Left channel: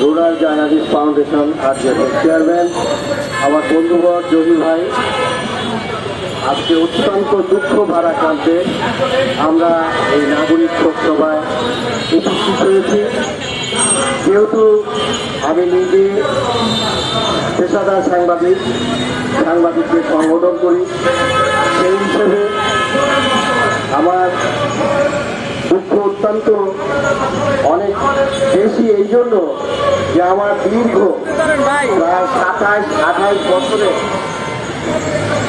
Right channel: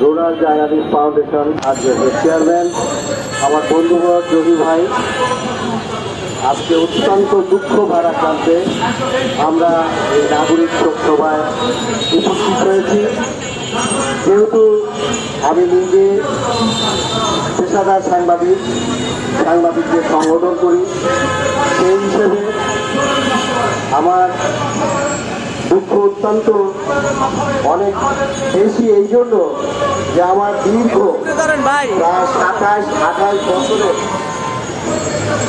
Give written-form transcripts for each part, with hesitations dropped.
Rural journalist foundation আজকের chairman আমার বন্ধুবর জমি ভাই, আজকে অত্যন্ত দুঃখ ভারাক্রান্তে আমরা এই নাগরিক শোক সভায় উপস্থিত হয়েছি। যেহেতু আমি নিজে পেশাদার সাংবাদিকদের সংগঠন করি, সেই হিসেবে আমার দুঃখ অত্যন্ত অনেক বেশি, এই জন্য যে আমার দীর্ঘ প্রায় 27-28 বছরের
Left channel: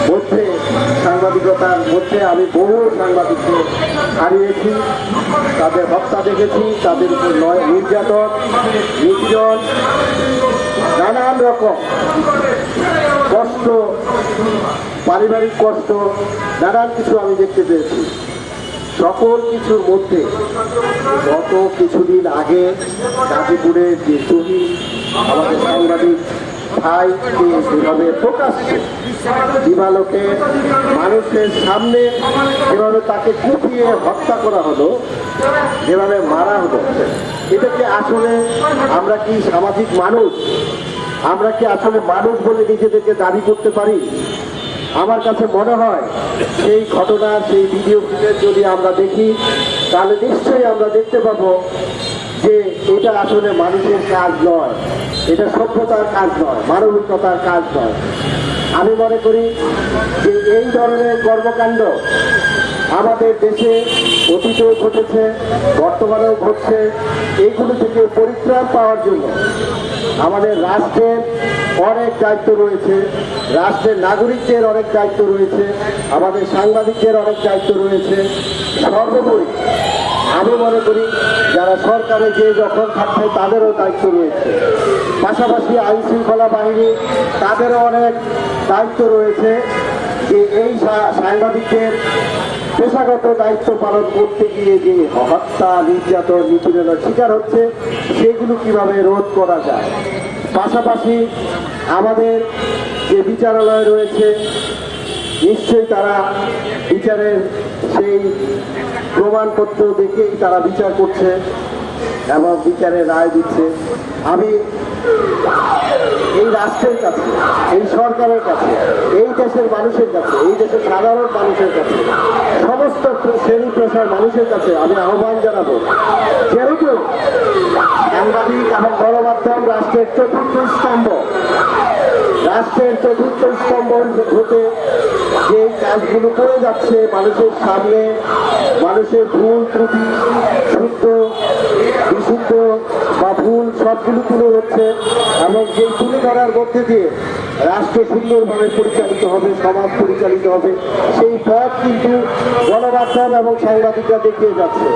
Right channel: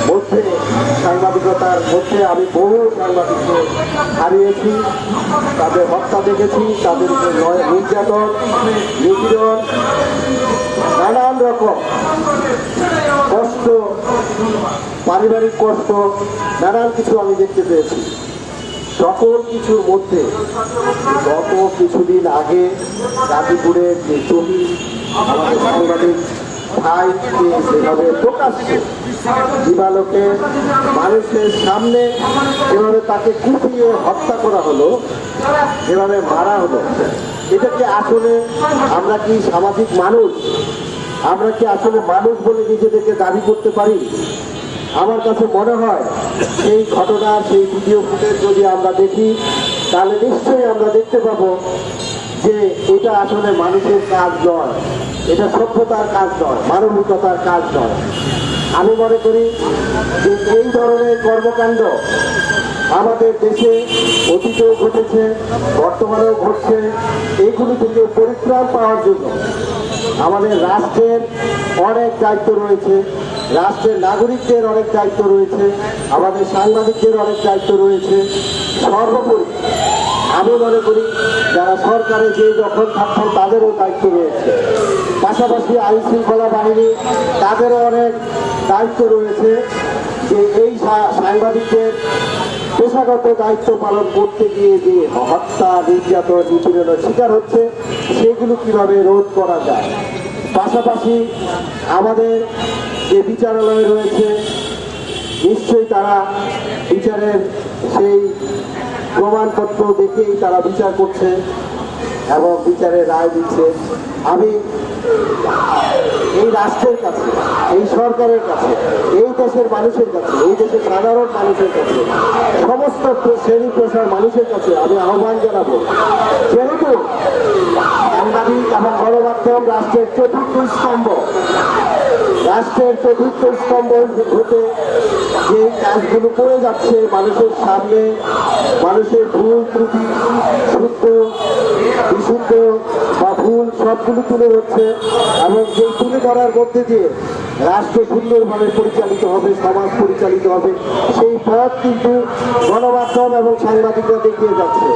মধ্যে সাংবাদিকতার মধ্যে আমি বহু সাংবাদিককে হারিয়েছি, তাদের হত্যা দেখেছি, তাদের উপর নির্যাতন, নিপীড়ন, নানান রকম কষ্ট, পারিবারিক কষ্ট, নানান কিছু আমি দেখতে পেয়েছি। সকল কিছুর মধ্যে গত কিছুদিন আগে গাজীপুরের যে শহীদ আমাদের সাংবাদিক ভাইকে যেভাবে প্রকাশ্যে দিবালোকে মানুষের সামনে যেভাবে তাকে কুপিয়ে হত্যা করা হলো, যেভাবে মারা হলো, এটা কি আসলে আমরা কি সামাজিক মানুষ? আমরা কি আসলে মানুষ বলে নিজেদেরকে দাবি করতে পারি? আমার কাছে মনে হয় সেই ঘটনার সেই ভিডিও ফুটেজ যদি আমরা দেখি, তাহলে নিশ্চয়ই আমরা দেখতে পাবো যে এটা আসলে মানুষের কাজ নয়, এটা সভ্যতার কাজ নয়, মানবিকতার কাজ নয়। আমি মনে করি যে এই ধরনের কর্মকাণ্ড আমাদের দেশে অতীতেও ঘটেছে, বর্তমানেও ঘটছে। এইগুলো থেকে পরিত্রাণ পাওয়ার জন্য আমাদের রাষ্ট্রের অনেক দায়িত্ব রয়েছে, রাষ্ট্রের নাগরিকদের অনেক দায়িত্ব রয়েছে, আমাদের সাংবাদিকদের অনেক দায়িত্ব রয়েছে। সর্বোপরি আমি মনে করি যারা সরকারে যে যখন থাকছে তাদেরও দায়িত্ব রয়েছে, পাশাপাশি আইন শৃঙ্খলা বাহিনী তাদেরও অনেক দায়িত্ব রয়েছে যে এই সাংবাদিকদের পেশাগত দায়িত্ব পালন করতে গিয়ে যে হত্যা, নির্যাতন, নিপীড়নের শিকার হচ্ছে সেগুলো কিভাবে রোধ করা যায়। পাশাপাশি আমাদের যে বিচারালয় রয়েছে, নিশ্চয়ই তারা বিচারের সেই প্রমাণপত্র দেখেই তারা বিচার করছে এবং বিচারের রায় দিচ্ছে। আমি এই রাষ্ট্রের কাছে, এই সরকারের কাছে, এই দেশের মানুষের কাছে, এই দেশের সাধারণ মানুষের কাছে, সমস্ত শ্রেণী পেশার মানুষের কাছে আমি আহ্বান জানাবো, যেহেতু সাংবাদিক এবং গণমাধ্যম রাষ্ট্রের চতুর্থ স্তম্ভ, রাষ্ট্রের চতুর্থ স্তম্ভ হতে যে কাজগুলো করে যাচ্ছে মানুষের সামনে, মানুষের ভুল ত্রুটি, শুদ্ধ বিশুদ্ধ বা ভুল সবগুলো তুলে হচ্ছে এবং যেই তুলে ধরার মধ্যে দিয়ে রাষ্ট্র সুন্দরভাবে পরিচালিত হবে, সমাজ পরিচালিত হবে, সেই পথ কিন্তু গণমাধ্যম এবং সাংবাদিকরা দেখিয়ে যাচ্ছে।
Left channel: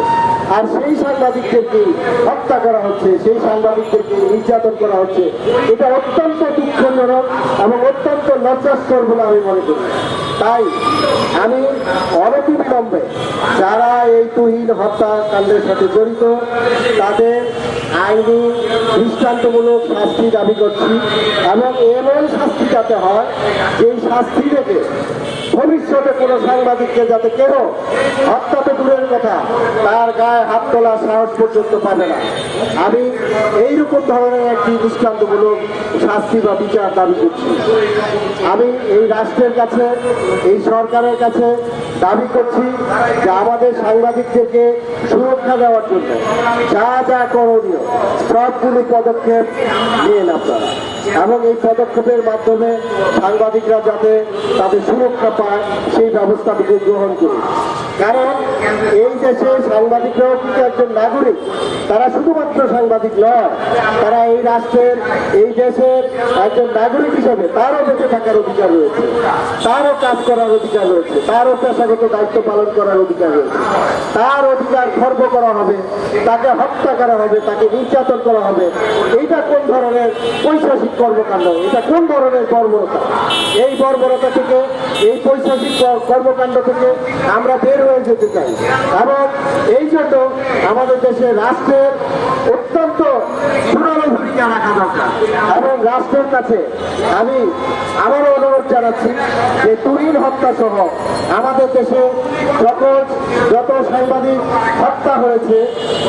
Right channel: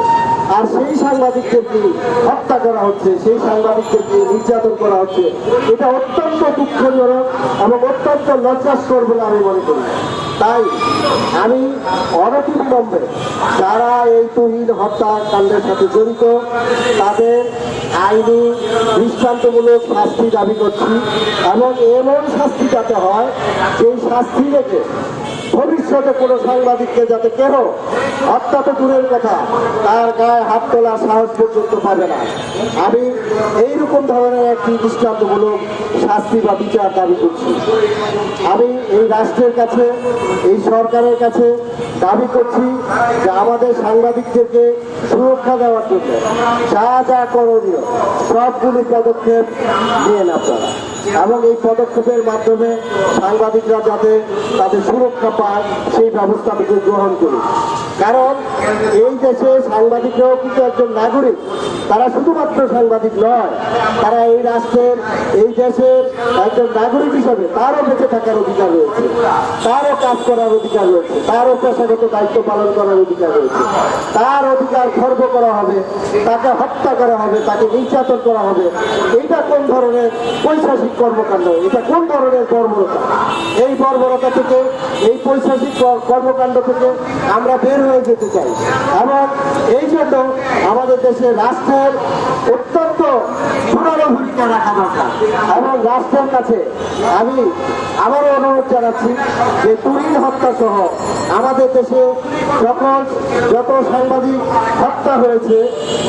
আর সেই সাংবাদিকদেরকে হত্যা করা হচ্ছে, সেই সাংবাদিকদেরকে নির্যাতন করা হচ্ছে, এটা অত্যন্ত দুঃখজনক এবং অত্যন্ত লজ্জাস্কর বলে আমি মনে করি। তাই আমি অনতিবিলম্বে যারা এই তুহিন হত্যাকাণ্ডের সাথে জড়িত তাদের আইনি দৃষ্টান্তমূলক শাস্তি দাবি করছি এবং এমন শাস্তি যাতে হয় এই শাস্তি থেকে ভবিষ্যতে কোনো সাংবাদিককে যাতে কেন হত্যা তো দূরের কথা, তার গায়ে হাত তোলার সাহস পর্যন্ত পাবে না। আমি এইরকম ধরনের একটি দৃষ্টান্তমূলক শাস্তি বা বিচার দাবি করছি। আমি এই রাষ্ট্রের কাছে, এই সরকারের কাছে দাবি করছি যে আমাদের সাংবাদিকদেরকে সুরক্ষা দেওয়ার জন্য যা যা করণীয় সবগুলো পদক্ষেপ নিয়ে আপনারা, এবং এই পদক্ষেপের মাধ্যমে সাংবাদিকরা যাতে তাদের সুরক্ষা পায় সেই ব্যবস্থাটুকু গ্রহণ করুন। কারণ এই দেশে সাংবাদিকরাও কিন্তু একজন নাগরিক, তারা শুধুমাত্র সাংবাদিক নয়, তারা এই রাষ্ট্রের, এই দেশের একজন নাগরিক হিসাবে তারও বেঁচে থাকার অধিকার রয়েছে, তারও কাজ করার অধিকার রয়েছে, তারও পেশাগত দায়িত্ব পালন করার অধিকার রয়েছে। তার অধিকার খর্ব করা হবে, তাকে হত্যা করা হবে, তাকে নির্যাতন করা হবে, এইটা কোন ধরনের পৈশাচিক কর্মকাণ্ড, এটা কোন ধরনের বর্বরতা? এই বর্বরতা থেকে, এই পৈশাচিক কর্মকাণ্ড থেকে আমরা বের হয়ে যেতে চাই এবং এই জন্য আমাদের দেশে রাষ্ট্রের অত্যন্ত পুরনো ভূমিকা ভূমিকা রাখা দরকার। এবং রাষ্ট্রের কাছে আমি আবারও অনুরোধ জানাচ্ছি যে তুরিন হত্যা সহ আমাদের দেশে যত সাংবাদিক হত্যা হয়েছে,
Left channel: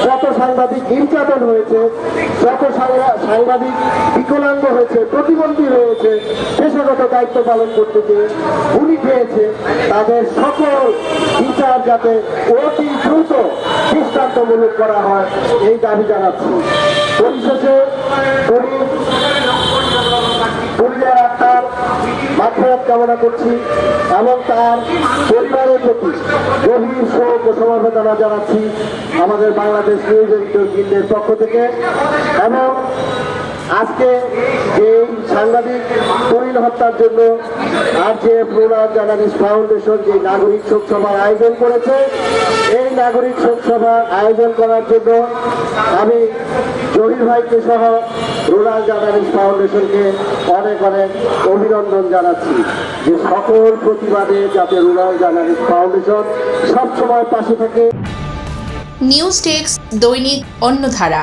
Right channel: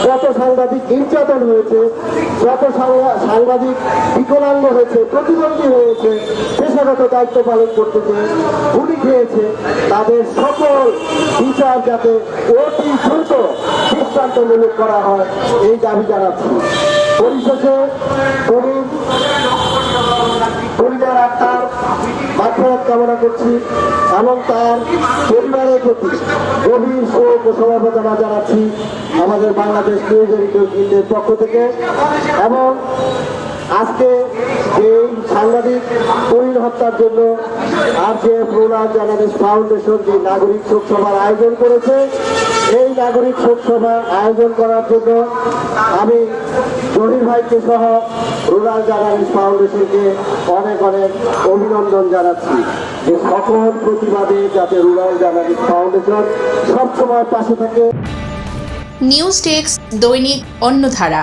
যত সাংবাদিক নির্যাতন হয়েছে, যত সাংবাদিক বিকলাঙ্গ হয়েছে, প্রতিবন্ধী হয়েছে, পেশাগত দায়িত্ব পালন করতে গিয়ে গুলি খেয়েছে, তাদের সকল বিচার যাতে অতি দ্রুত দৃষ্টান্তমূলক করা হয় এই দাবি জানাচ্ছি। পরিশেষে পরিবার আত্মার মাগফিরাত কামনা করছি এবং তার পরিবারের প্রতি গভীর শোক ও সমবেদনা জানাচ্ছি আমাদের বাংলাদেশ নিউজ এডিটর গিল্ডের পক্ষ থেকে। এবং আজকে এই সাংবাদিক তুরিন হত্যার জন্য RJF রুরাল জার্নালিস্ট ফাউন্ডেশন যে নাগরিক শোক সভার আয়োজন করেছে, এই নাগরিক শোক সভা আয়োজন করার জন্য আমি জহির ভাইকে সহ রুরাল জার্নালিস্ট ফাউন্ডেশনকে অনেক অনেক অভিনন্দন জানাচ্ছি যে সকল প্রতিবাদে যাতে রুরাল জার্নালিস্ট ফাউন্ডেশন সবসময় পাশে থাকে। নিউজ টেক্স দৈনিক অন্যধারা।